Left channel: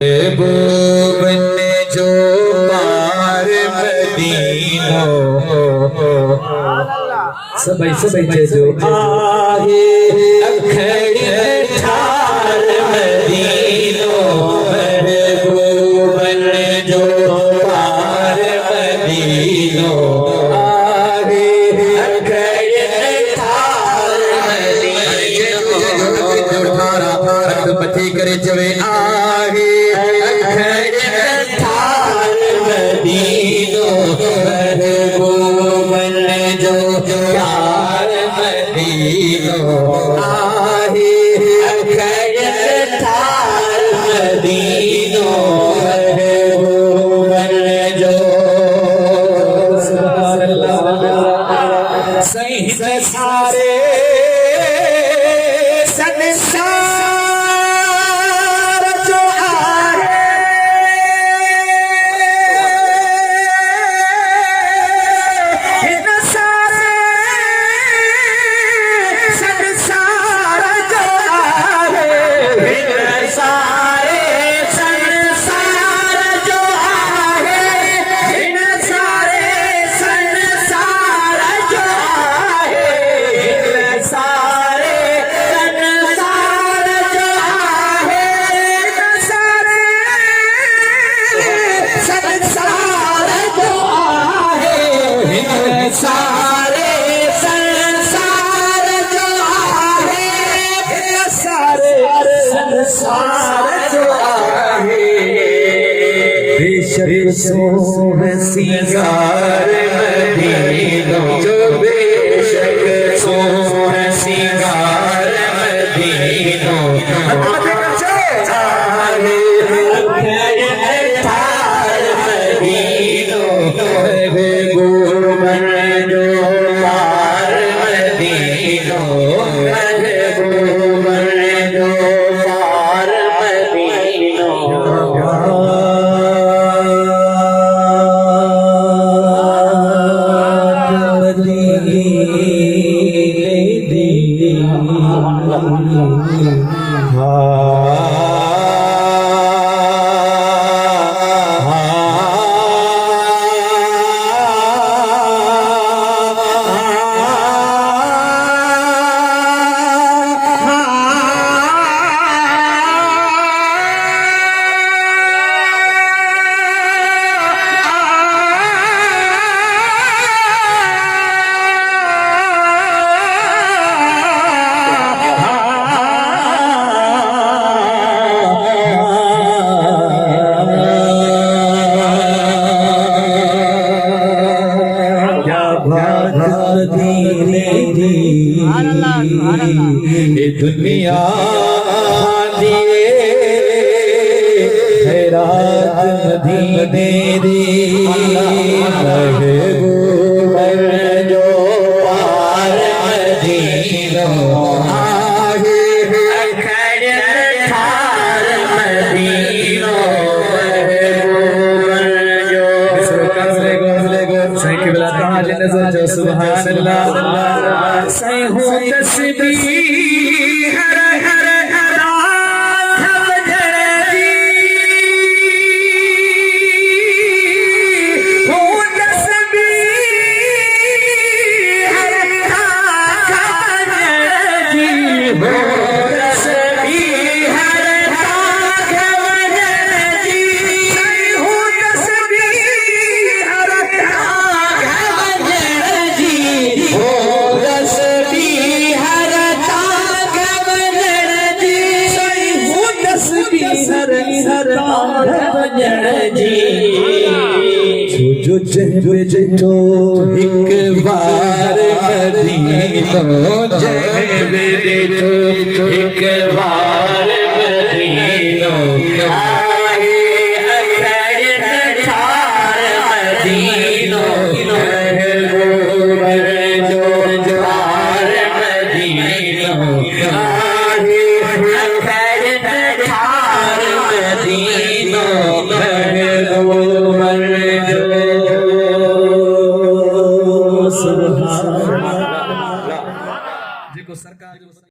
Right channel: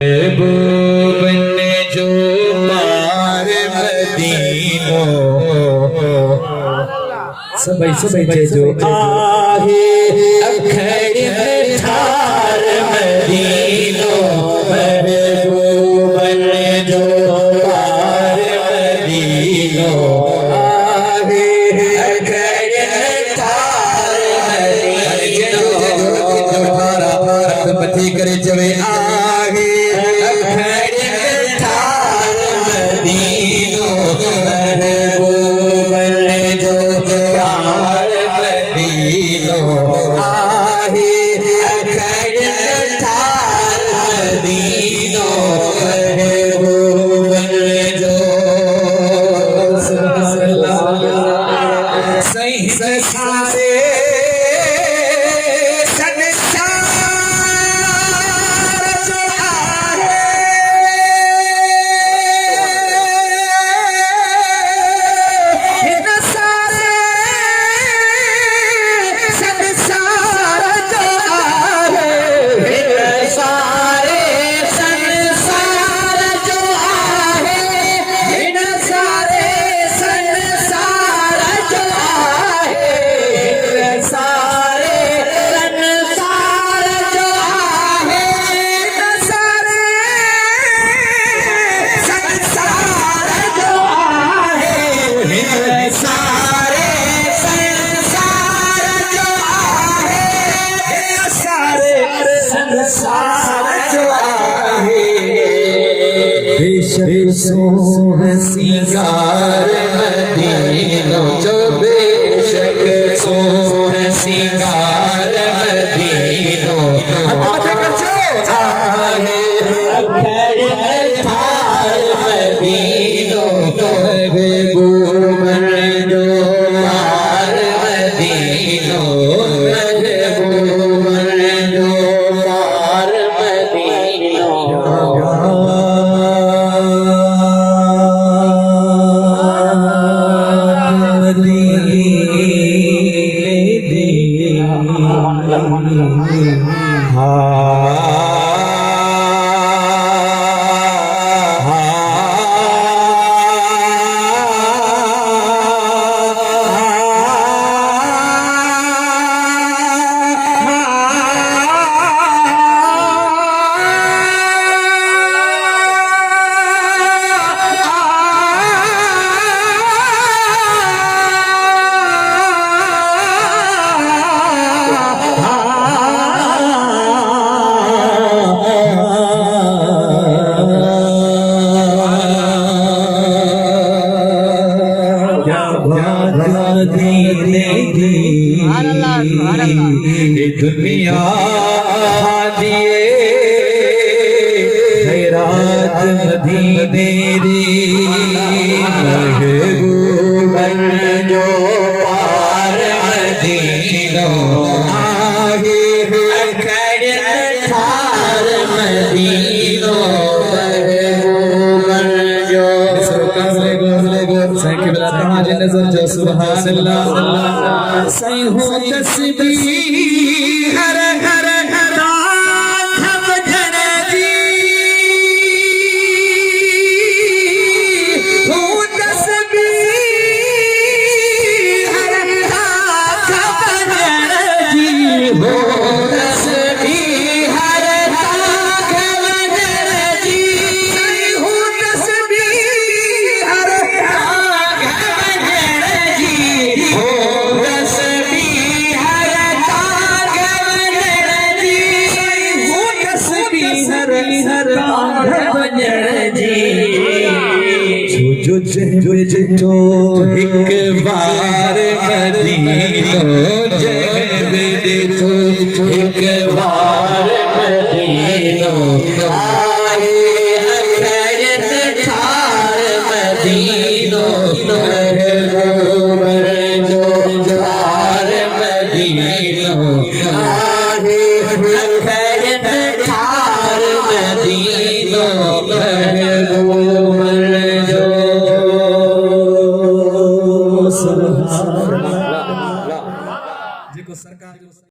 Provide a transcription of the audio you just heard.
बन जो पार मदीनो सबै जो आहे अखड़ ठार मदीनो बन जो पार मदीनो आहे अखड़ ठार मदीनो पथी करे चवे बेशक सिंगार मदीनो जो बेशक सिंगार मदीनो दुनिया दिए खैरात मदीने रे महबूब जो पार मदीनो आहे अखड़ ठार मदीनो महबूब जो सही के बिला नजर जो सुभान अल्लाह सही हो तस्बीह हर हर रात भजन जी हो तस्बीह हर रात भजन जी हो तस्बीह हर रात भजन जी हो तस्बीह हर रात भजन जी हो जो जो एक बार मदीनो जब देखो एक बार